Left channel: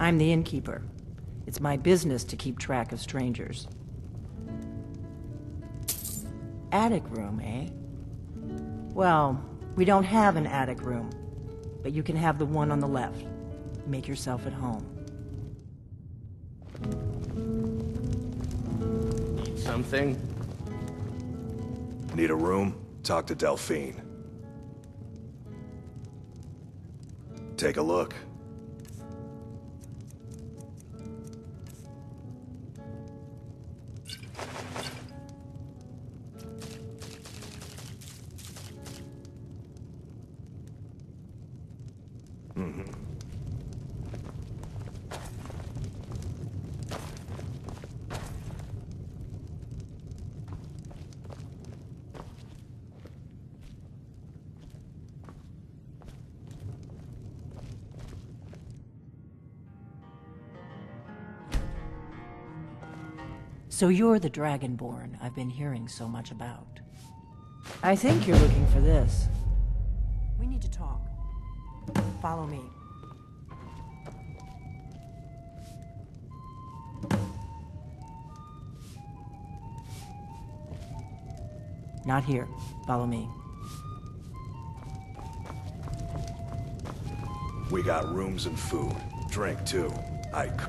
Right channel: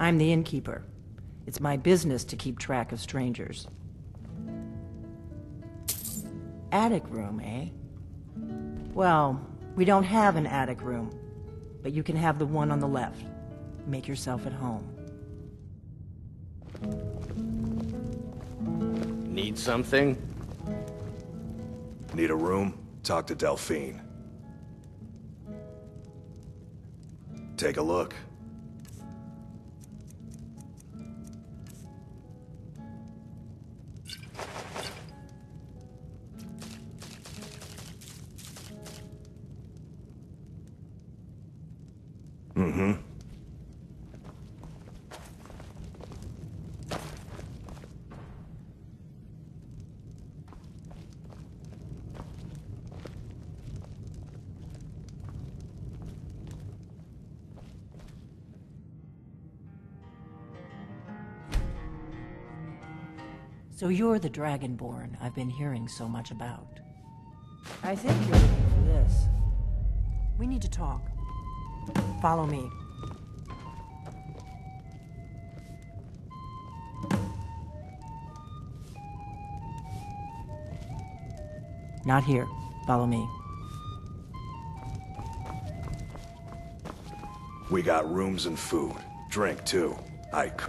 I'm the innkeeper. It's my business to keep track of strangers. Attic room, eh? Well, we don't have an attic room, but you can have the one on the left. Make yourself at home. Need something? Need a room? Talk to Delphine. Take a look. Mm-hmm. So you're the Dragonborn I've been hearing so much about. I think you're looking for this. We need to talk. Follow me. Not here. Follow me. We got rooms and food. Drink, too. Ike.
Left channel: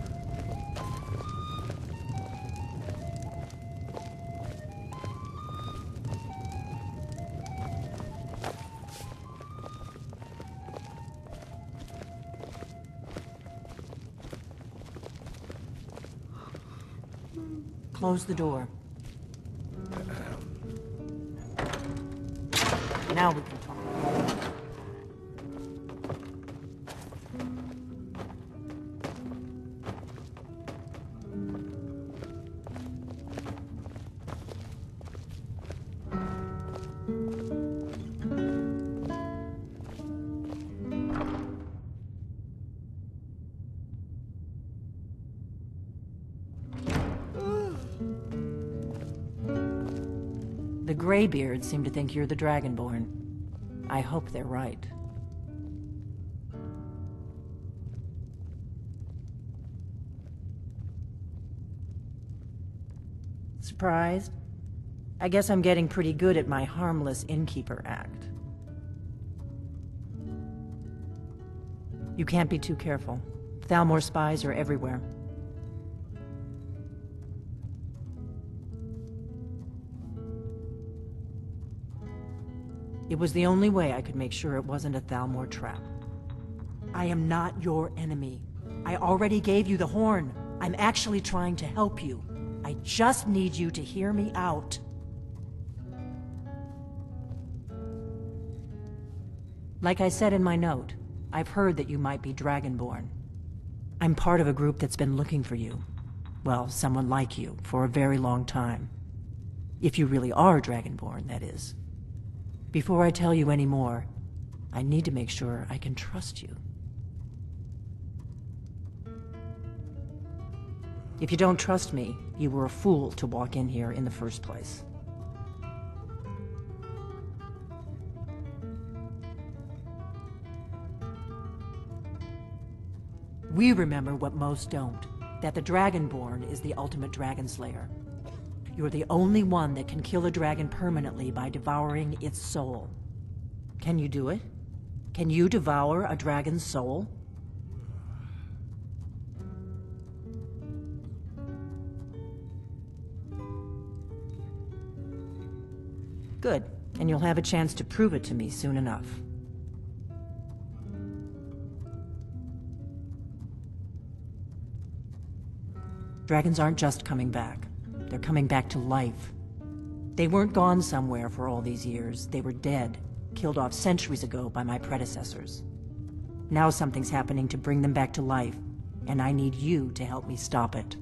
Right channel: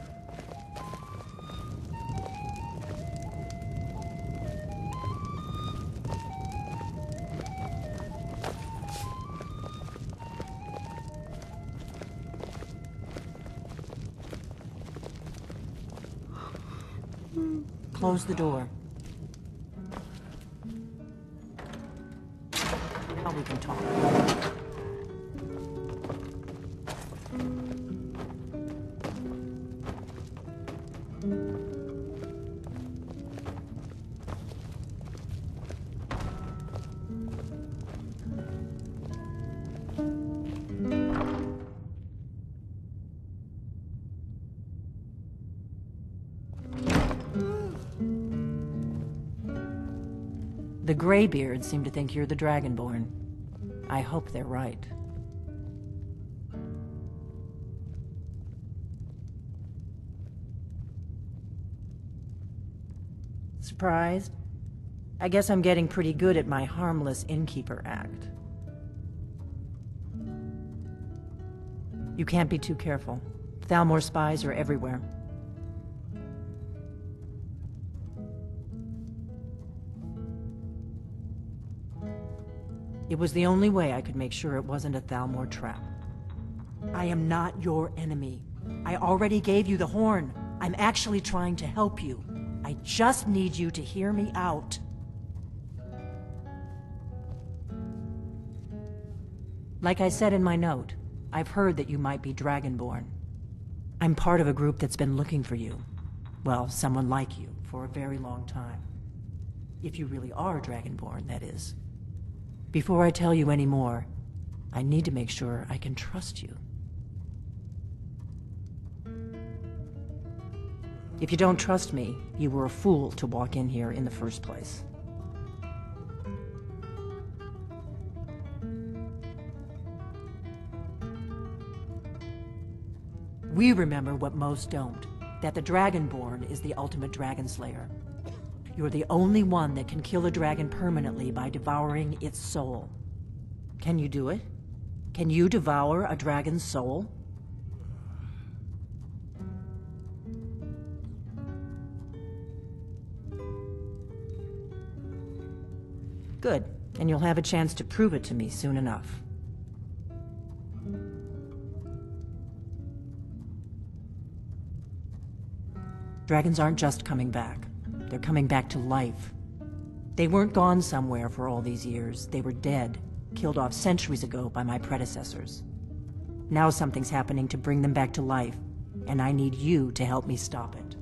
Close the door. Now we can talk. The Greybeards seem to think you're the Dragonborn. I hope they're right. Surprised? I guess I'm getting pretty good at my harmless innkeeper act. You can't be too careful. Thalmor spies are everywhere. It was the only way I could make sure it wasn't a Thalmor trap. I am not your enemy. I already gave you the horn. I'm actually trying to help you. I just need you to hear me out. Like I said in my note, I've heard that you might be Dragonborn. I'm part of a group that's been looking for you. Well, someone like you, for a very long time. If you really are Dragonborn, that is. Before I tell you any more, I need to make sure I can trust you. If you don't trust me, you were a fool to walk in here in the first place. We remember what most don't, that the Dragonborn is the ultimate dragon slayer. You're the only one that can kill a dragon permanently by devouring its soul. Can you do it? Can you devour a dragon's soul? Good, and you'll have a chance to prove it to me soon enough. Dragons aren't just coming back. They're coming back to life. They weren't gone somewhere for all these years. They were dead, killed off centuries ago by my predecessors. Now something's happening to bring them back to life, and I need you to help me stop it.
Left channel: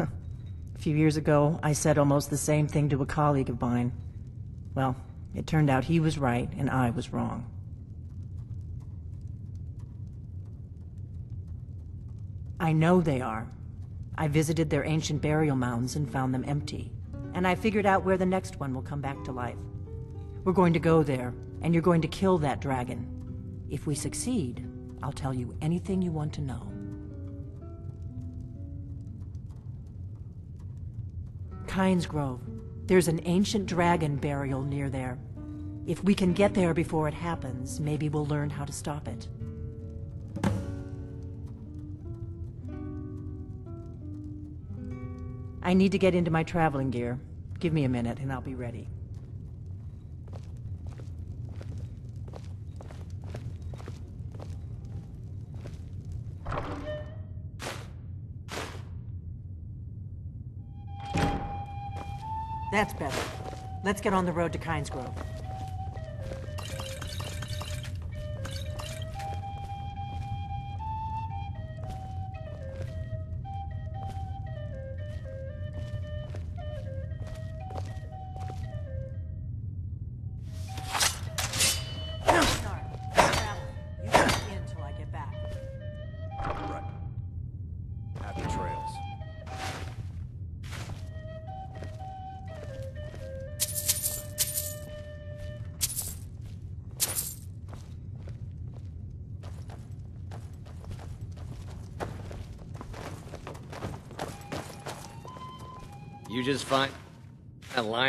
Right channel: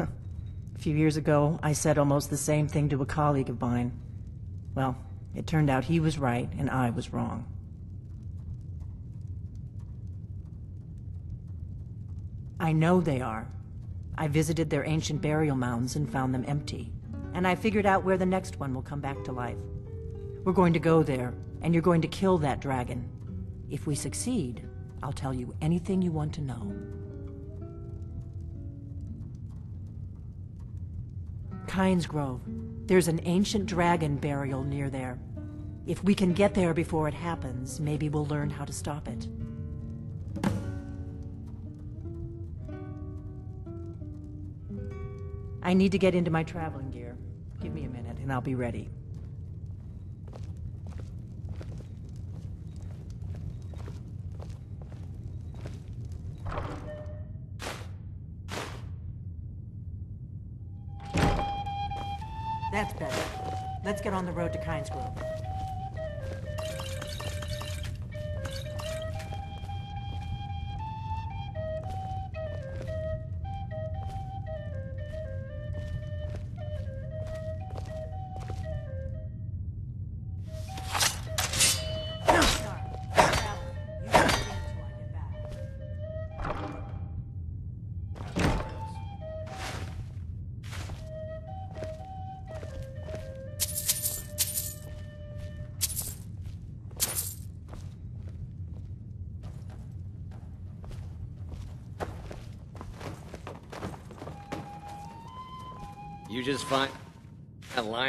A few years ago, I said almost the same thing to a colleague of mine. Well, it turned out he was right and I was wrong. I know they are. I visited their ancient burial mounds and found them empty. And I figured out where the next one will come back to life. We're going to go there, and you're going to kill that dragon. If we succeed, I'll tell you anything you want to know. Kynes Grove. There's an ancient dragon burial near there. If we can get there before it happens, maybe we'll learn how to stop it. I need to get into my traveling gear. Give me a minute and I'll be ready. That's better. Let's get on the road to Kynes Grove.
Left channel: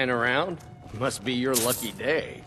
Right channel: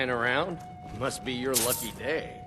Around? Must be your lucky day.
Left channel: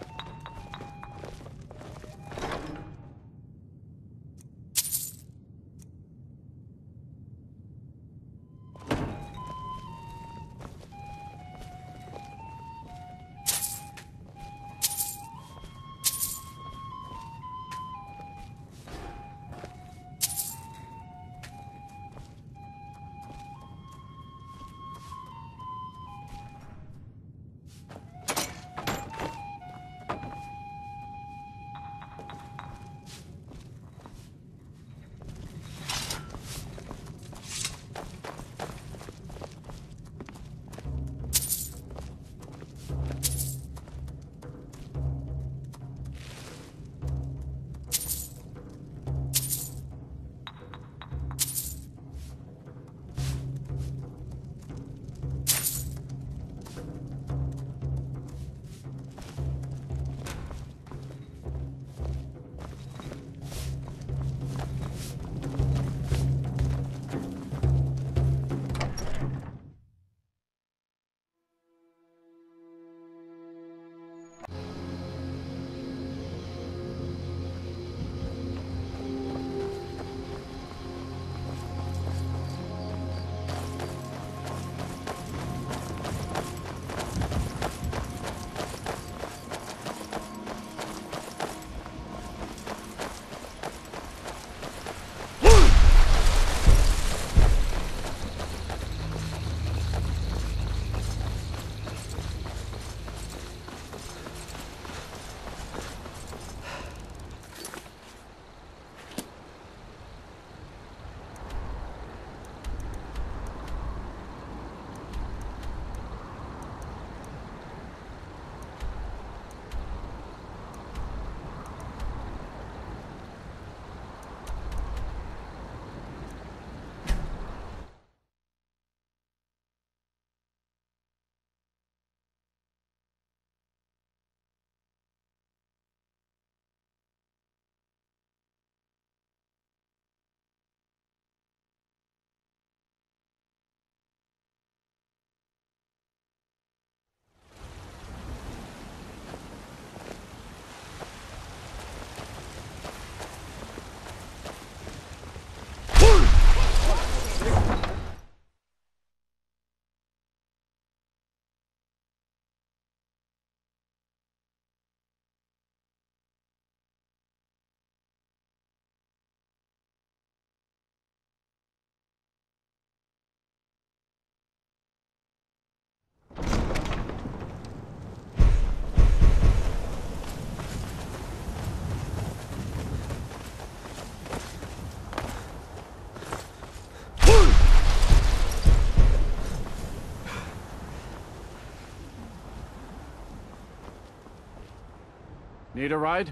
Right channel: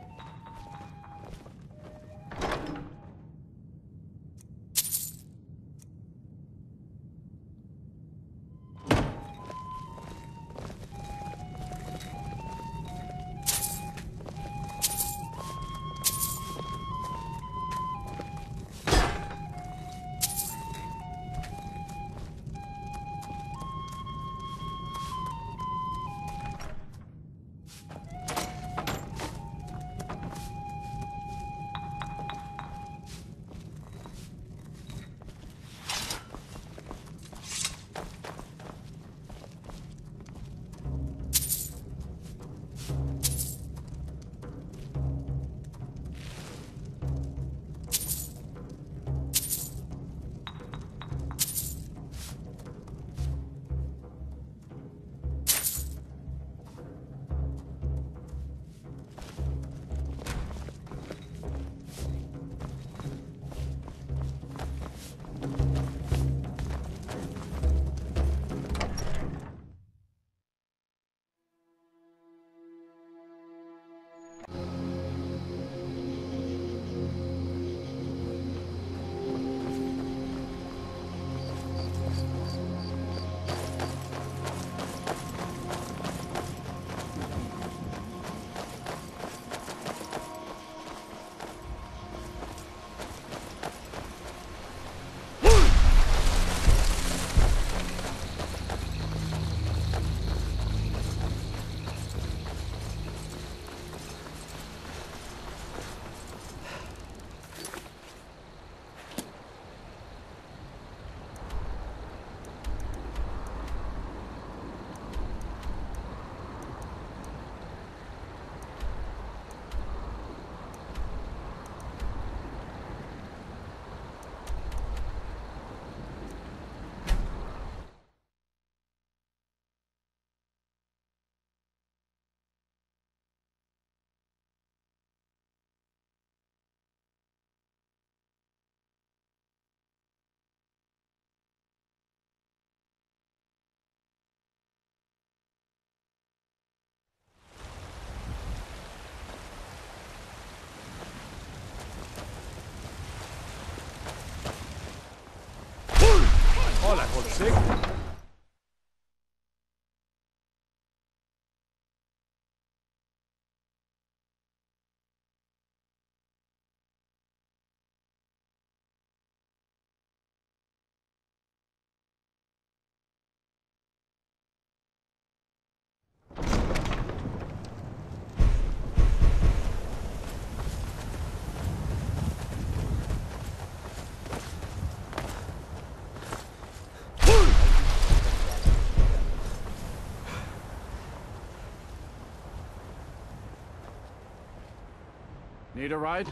Need a ride?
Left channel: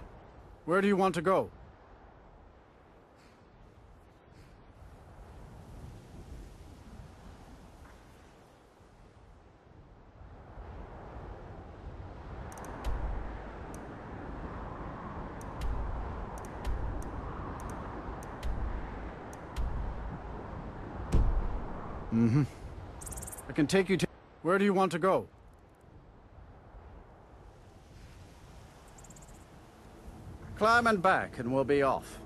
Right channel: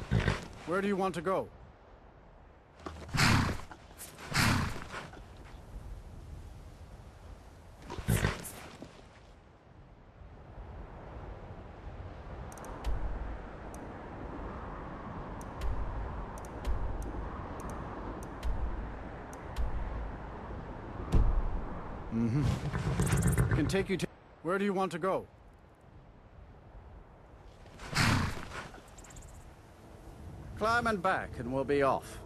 Where do you want to go? I can take you to... Where do you want to go? Climb and back, and we'll be off.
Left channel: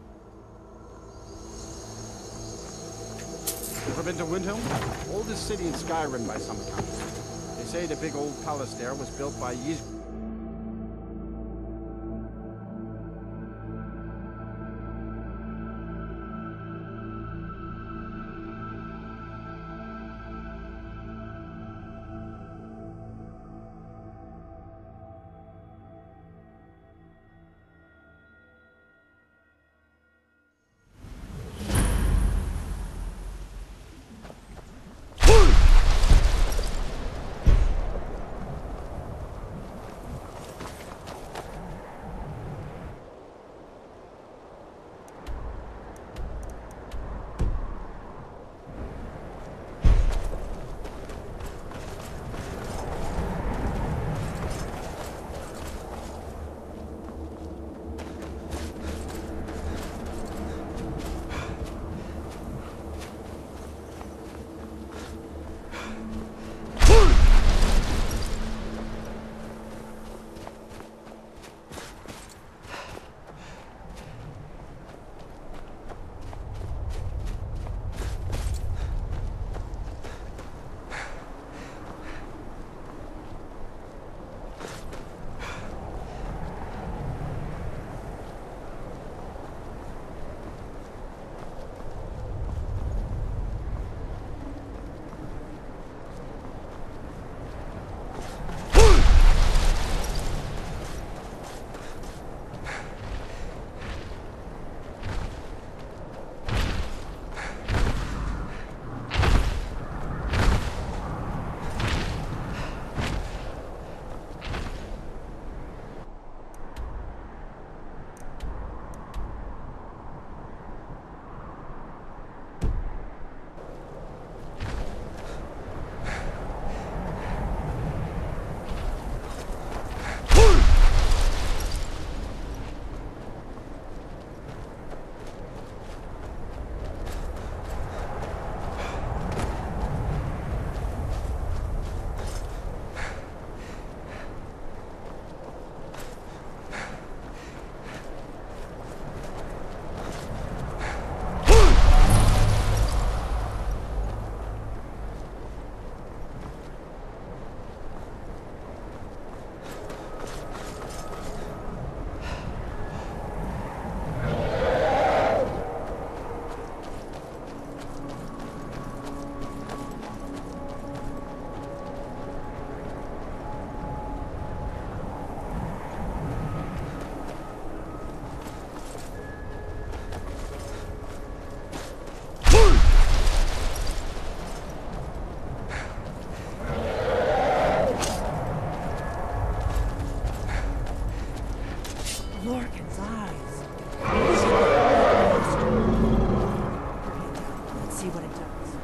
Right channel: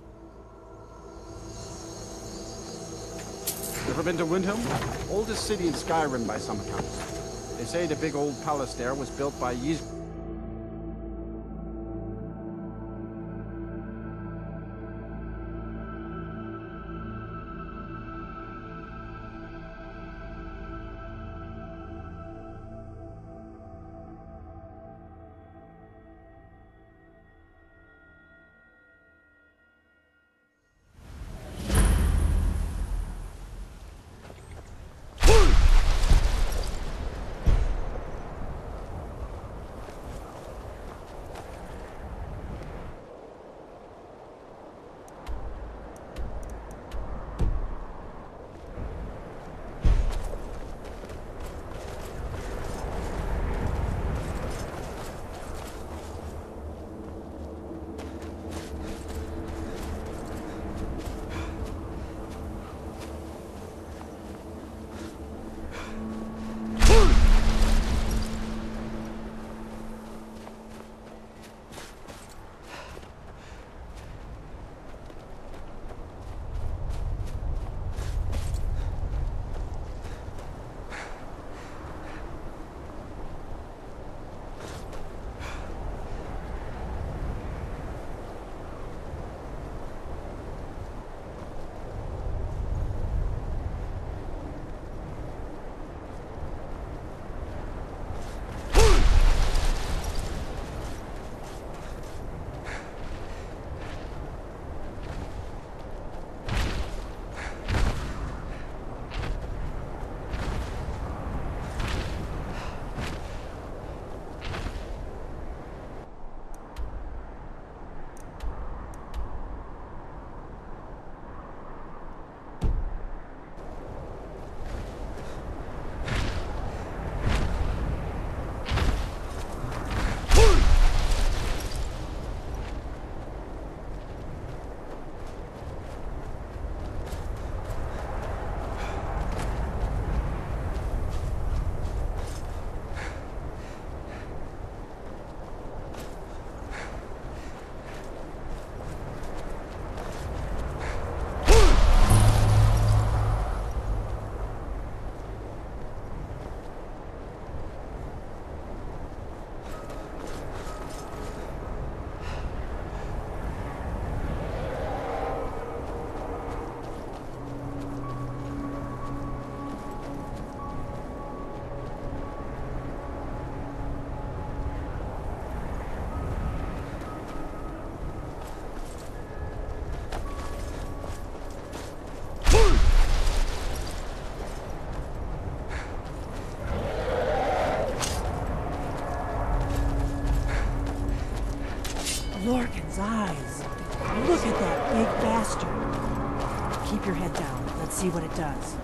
Ever been to Windhelm? Oldest city in Skyrim by some accounts. They say the big old palace there was built by Lorcan's eyes. Look at that big bastard. Keep your head down. Let's see what it does.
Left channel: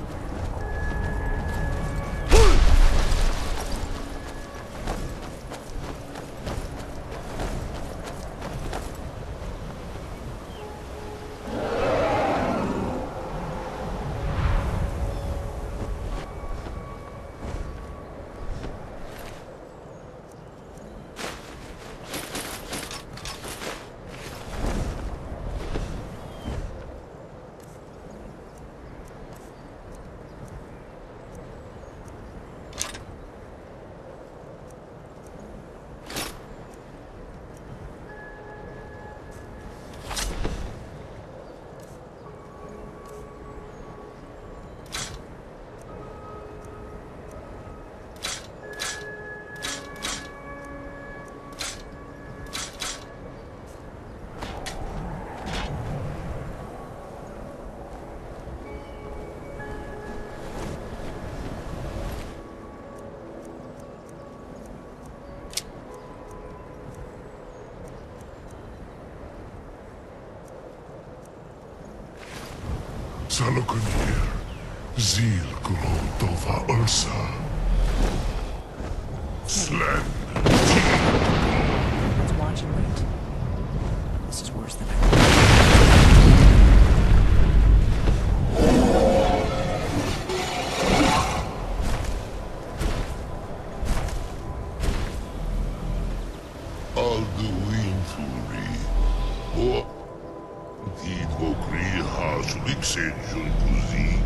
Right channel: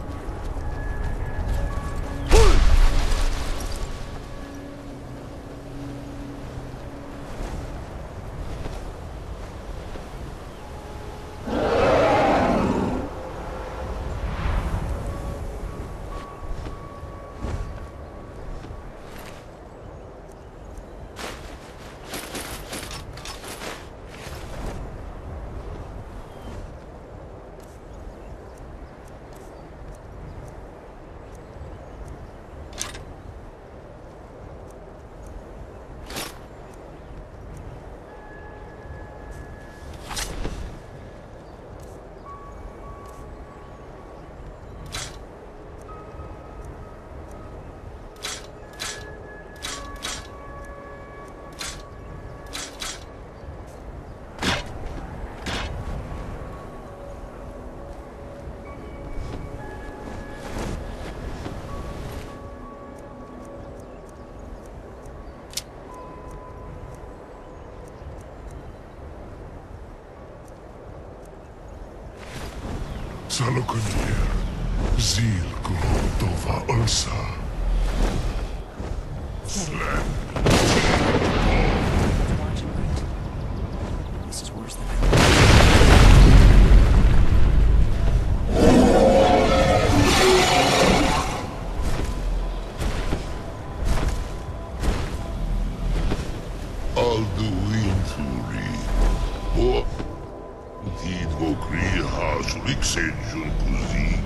Salokunir, Zil Kurotova Ursa. Slen, Teed Ball. Okri hasulik senjun kuzik.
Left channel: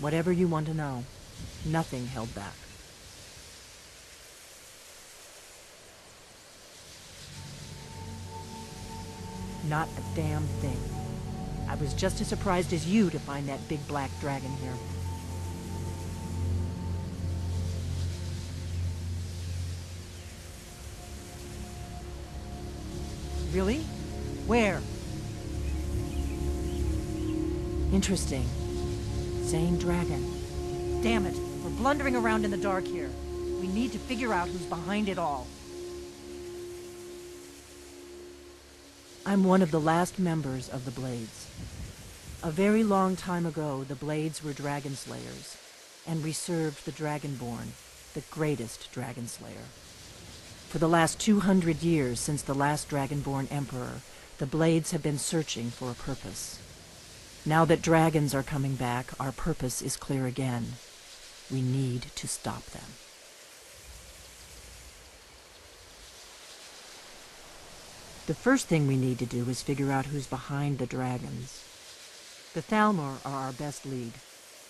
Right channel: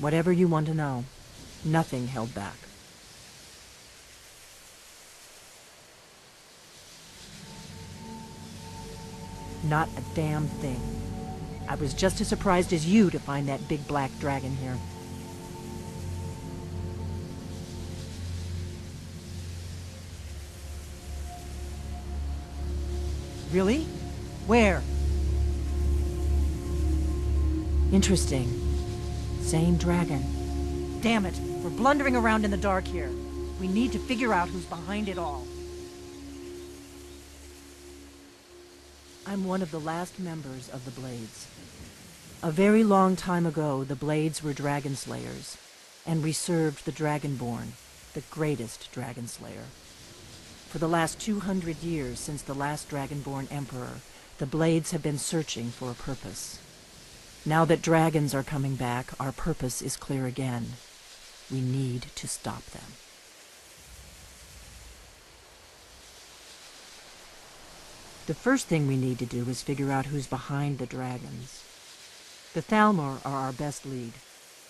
Whatever you want to know. Nothing held back. Not a damn thing. I was just as surprised as you to find that big black dragon here. Really? Where? Interesting. Same dragon. Damn it, we're blundering around in the dark here. We need to figure out who's behind it all. I'm one of the last members of the Blades. A very long time ago, the Blades were dragon slayers, and we served the Dragonborn, the greatest dragon slayer. For the last 200 years since the last Dragonborn Emperor, the Blades have been searching for a purpose. Now that dragons are coming back, our purpose is clear again. We need to stop them. The first thing we need to do is figure out who's behind the dragons. The Thalmor are our best lead.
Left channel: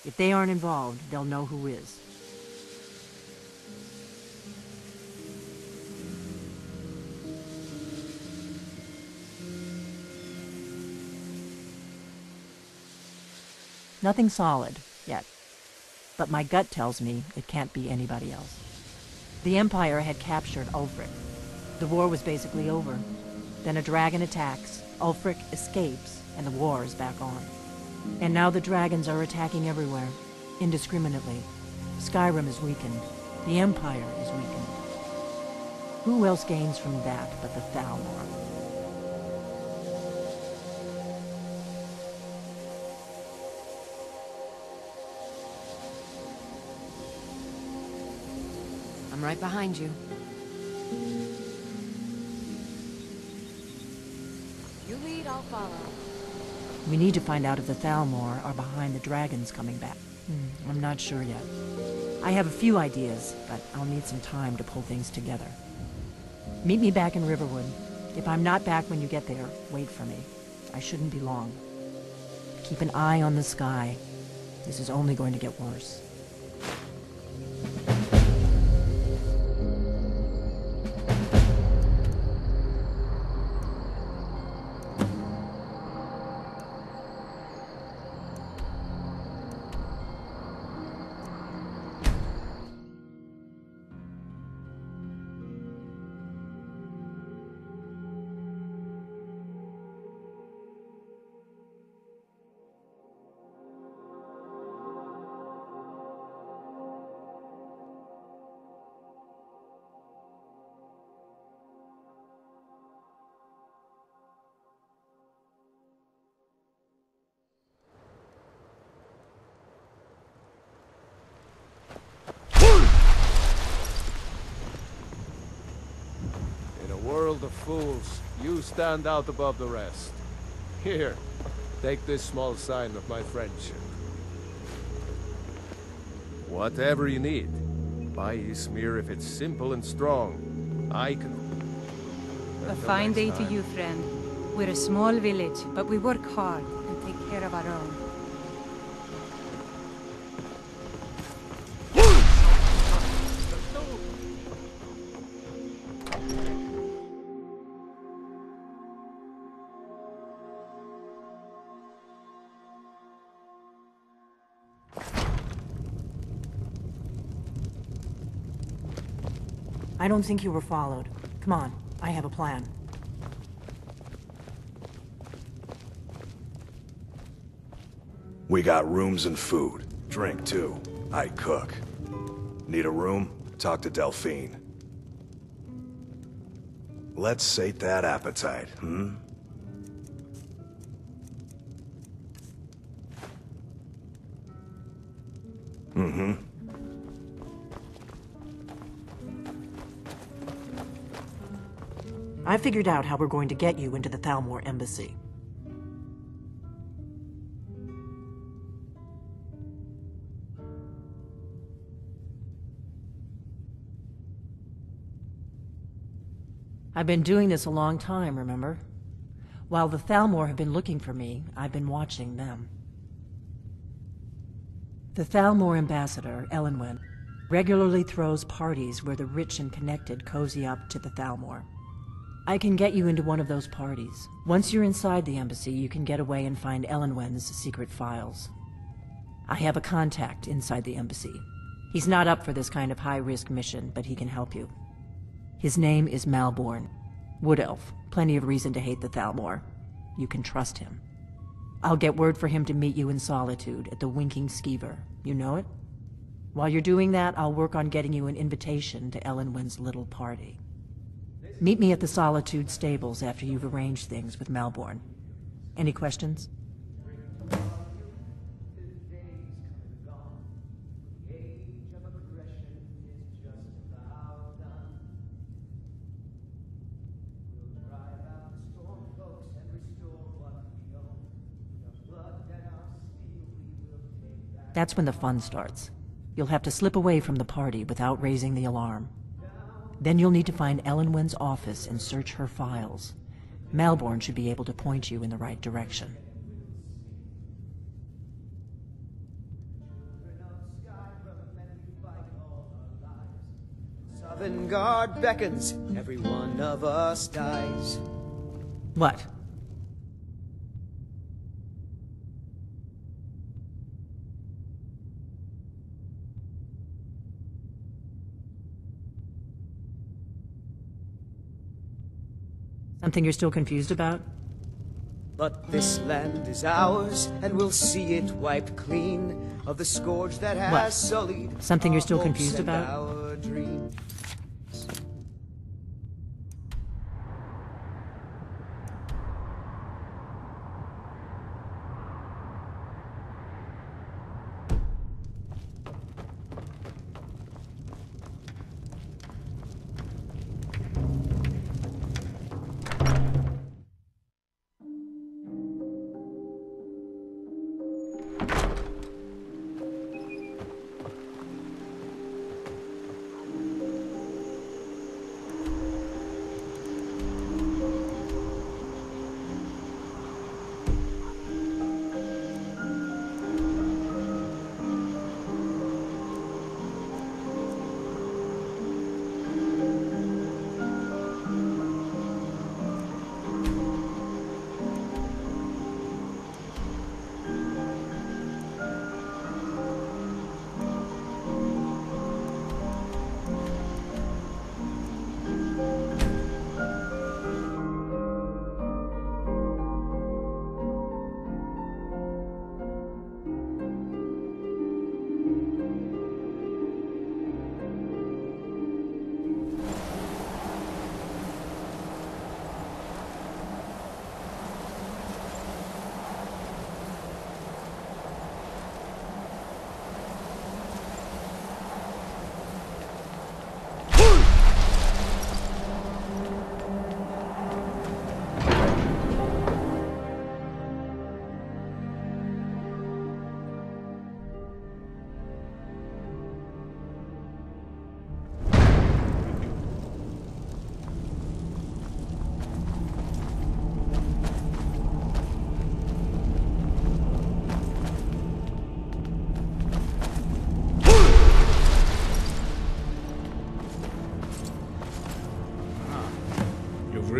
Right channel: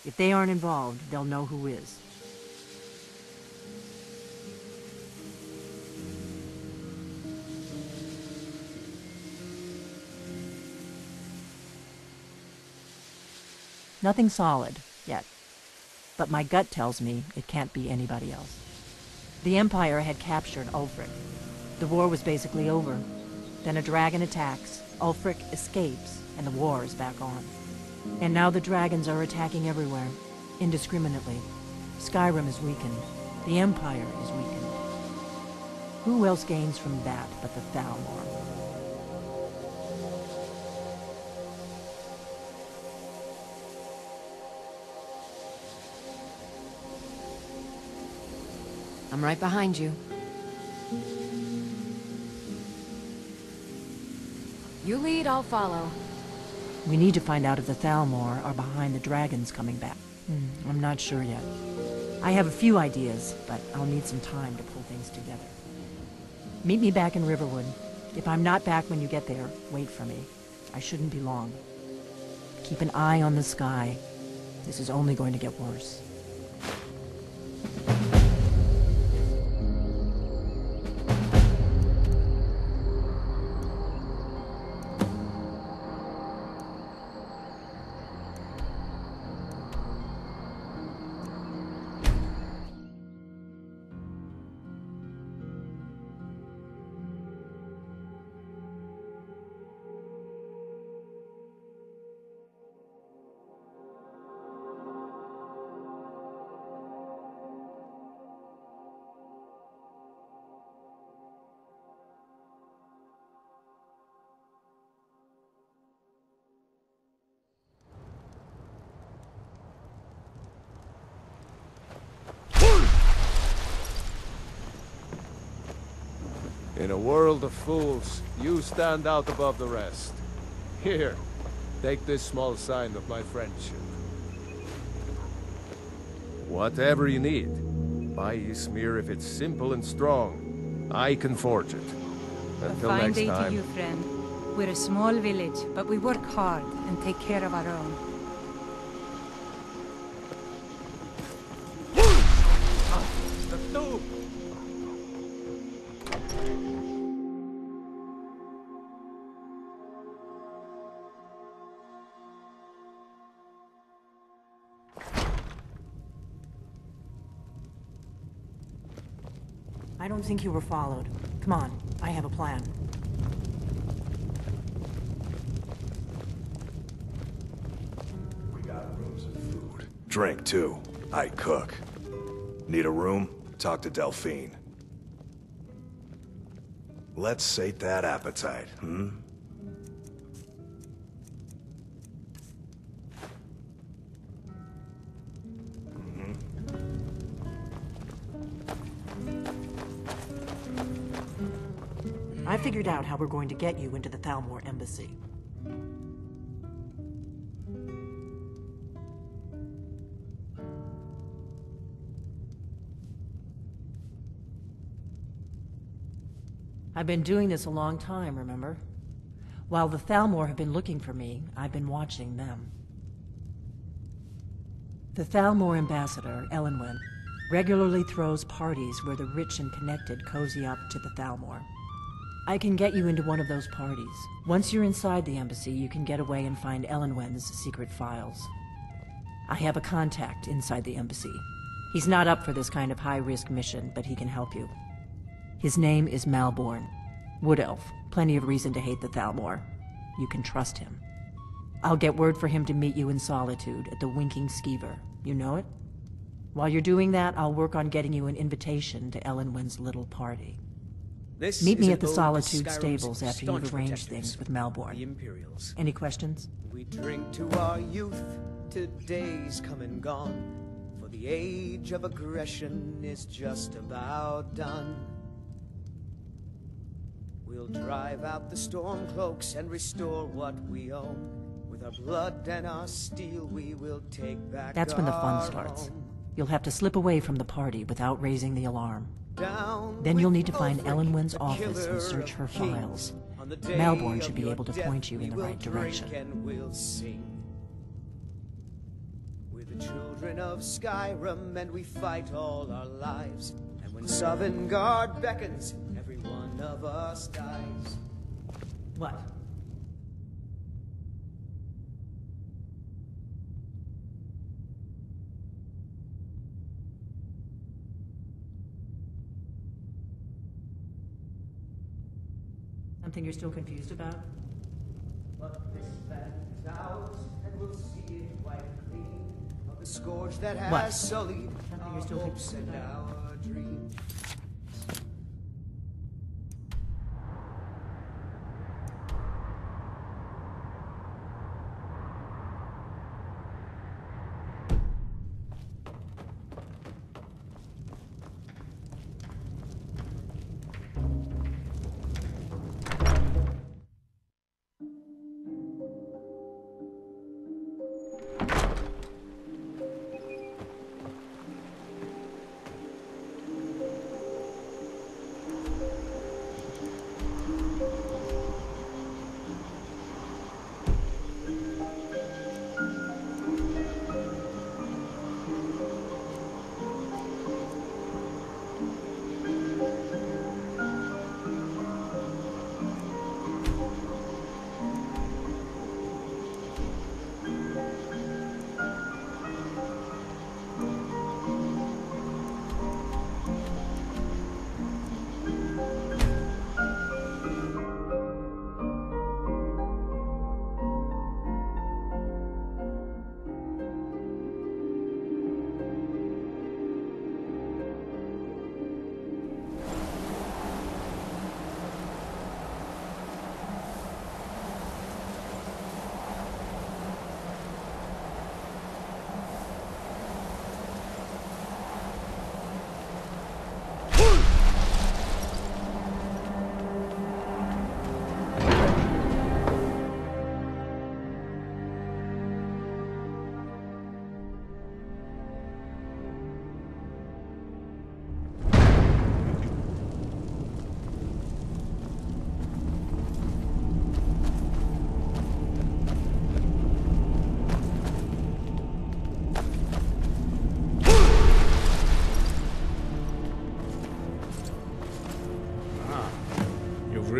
If they aren't involved, they'll know who is. Nothing solid, yet. But my gut tells me it can't be anybody else. The Empire had captured Ulfric. The war was basically over. Then a dragon attacks, Ulfric escapes, and the war is back on. And now the dragons are attacking everywhere, indiscriminately. Skyrim is weakened. The Empire is weakened. Who else gains from that but the Thalmor? I'm right behind you. You lead, I'll follow. We need to find out if the Thalmor are behind the dragons coming back. I'm not sure yet. I have a few ideas, but I'll need some time to pull things together. Meet me back in Riverwood. If I'm not back when you get there, wait for me. I shouldn't be long. Keep an eye on the sky. This is only going to get worse. In a world of fools, you stand out above the rest. Here, take this small sign of my friendship. Whatever you need, buy Ysmir if it's simple and strong. I can forge it. A Until fine next day time. to you, friend. We're a small village, but we work hard and take care of I don't think you were followed. Come on, I have a plan. We got rooms and food. Drink, too. I cook. Need a room? Talk to Delphine. Let's sate that appetite, hmm? Mm-hmm. I figured out how we're going to get you into the Thalmor embassy. I've been doing this a long time, remember? While the Thalmor have been looking for me, I've been watching them. The Thalmor ambassador, Elenwen, regularly throws parties where the rich and connected cozy up to the Thalmor. I can get you into one of those parties. Once you're inside the embassy, you can get away and find Elenwen's secret files. I have a contact inside the embassy. He's not up for this kind of high-risk mission, but he can help you. His name is Malborn. Wood Elf. Plenty of reason to hate the Thalmor. You can trust him. I'll get word for him to meet you in Solitude at the Winking Skeever. You know it? While you're doing that, I'll work on getting you an invitation to Elenwen's little party. Meet me at the Solitude stables after you've arranged things with Malborn. Any questions? We drink to our youth, to days come and gone, for the age of aggression is just about done. We'll drive out the Stormcloaks and restore what we own. With our blood and our steel we will take back. That's when the fun starts. You'll have to slip away from the party without raising the alarm. Then you'll need to find Elenwen's office and search her files. Malborn should be able to point you in the right direction. We're the children of Skyrim, and we fight all our lives. And when Sovngarde beckons, every one of us dies. What? Something you're still confused about? But this land is ours, and we'll see it wiped clean of the scourge that has What? sullied Something you're still our confused hopes and about? our dreams.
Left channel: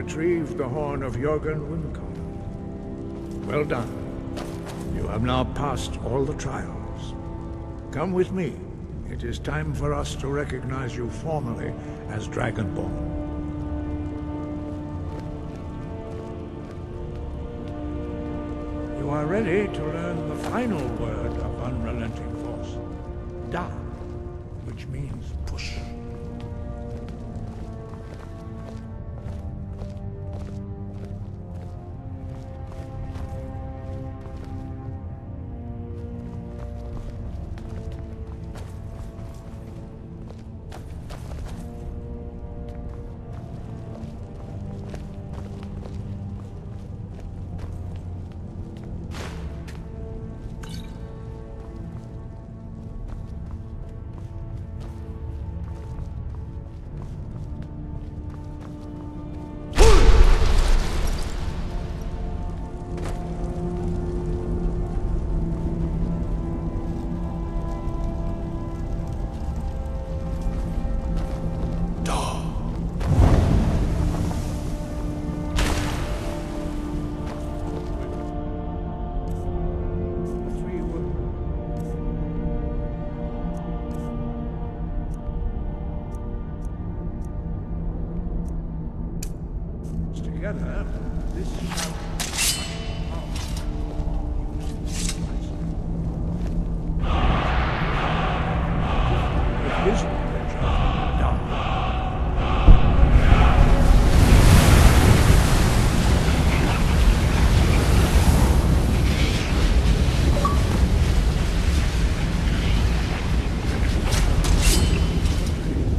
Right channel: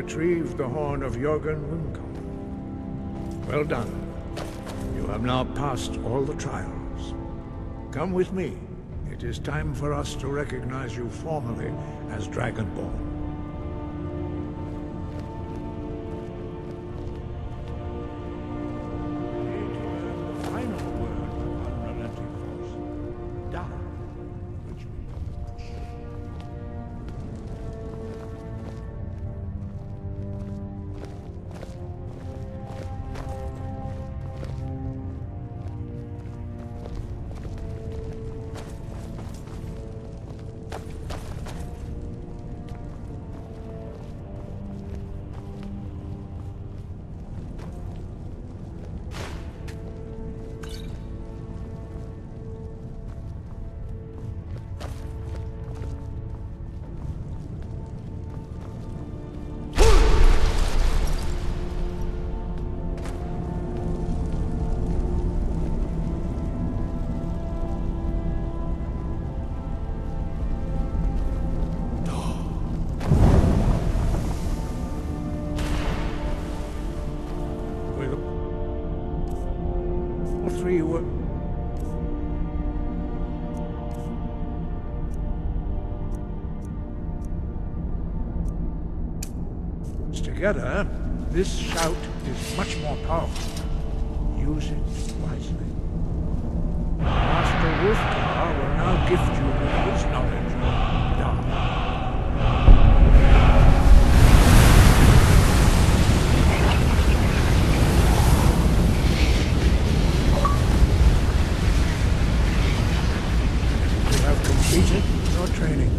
retrieved the horn of Jörgen Wimcom. Well done. You have now passed all the trials. Come with me. It is time for us to recognize you formally as Dragonborn. You are ready to learn the final word of unrelenting force. Da, which means push. Together, this shout is much more powerful. Use it wisely. Master Wolfgar will now gift you with his knowledge of... You have completed your training.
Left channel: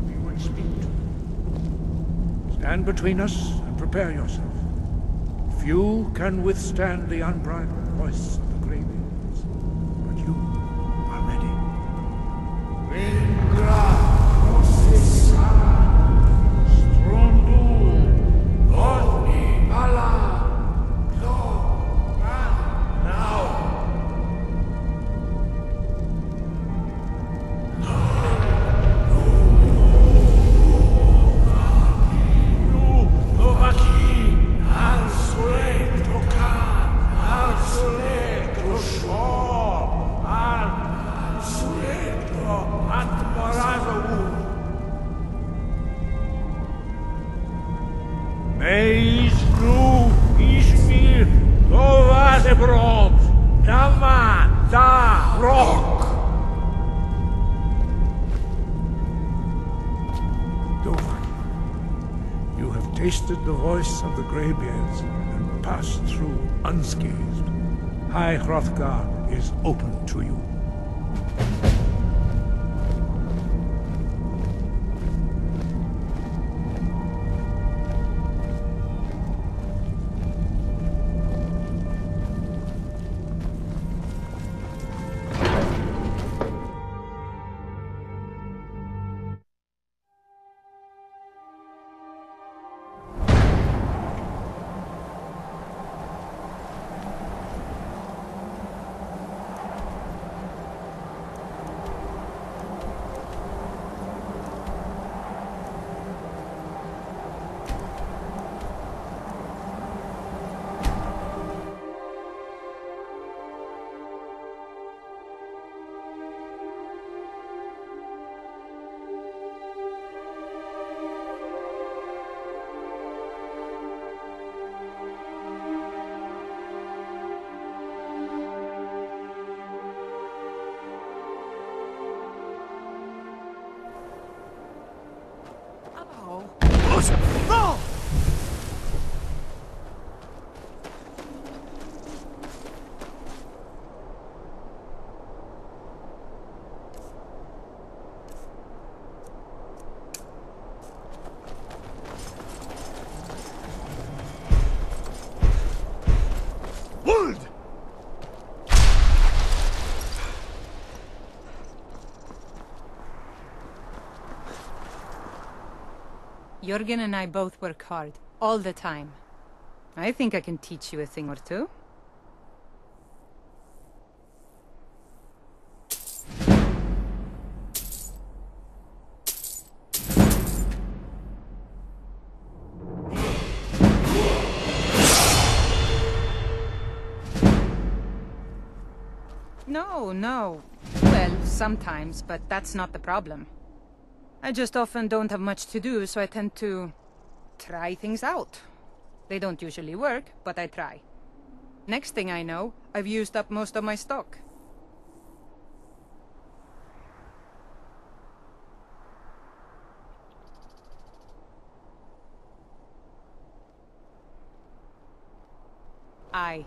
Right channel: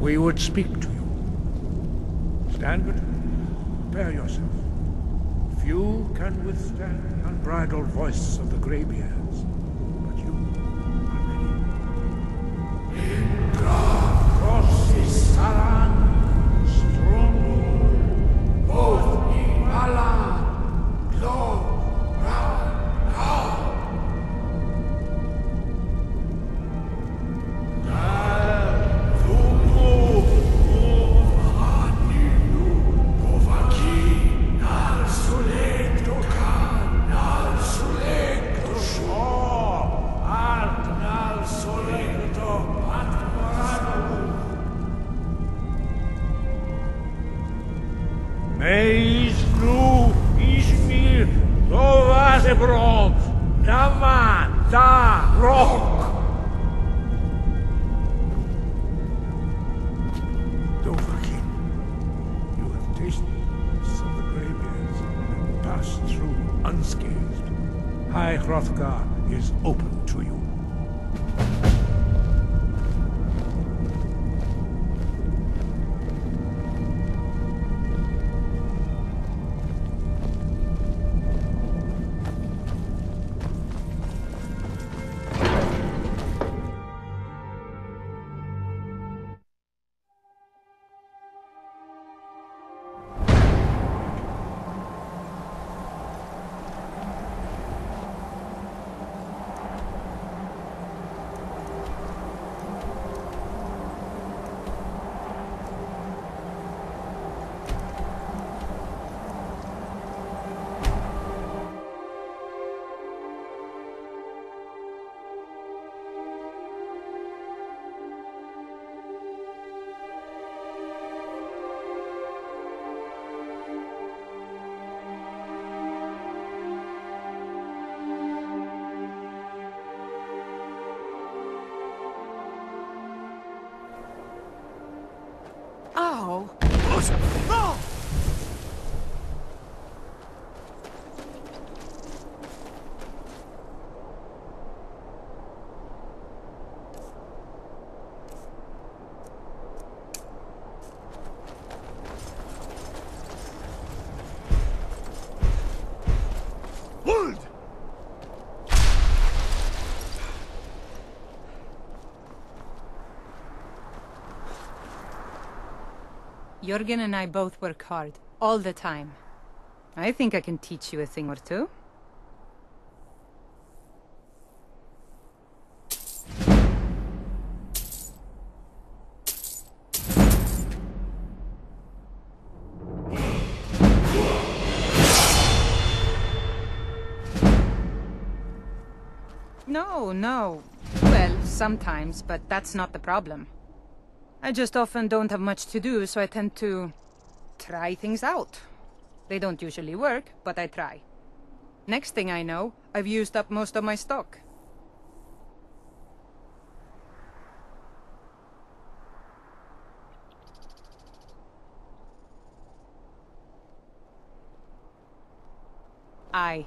We would speak to you. Stand between us and prepare yourself. Few can withstand the unbridled voice of the Greybeards, but you are ready. Tasted the voice of the Greybeards and passed through unscathed. High Hrothgar is open to you. Jörgen and I both work hard, all the time. I think I can teach you a thing or two. No. Well, sometimes, but that's not the problem. I just often don't have much to do, so I tend to try things out. They don't usually work, but I try. Next thing I know, I've used up most of my stock. Aye.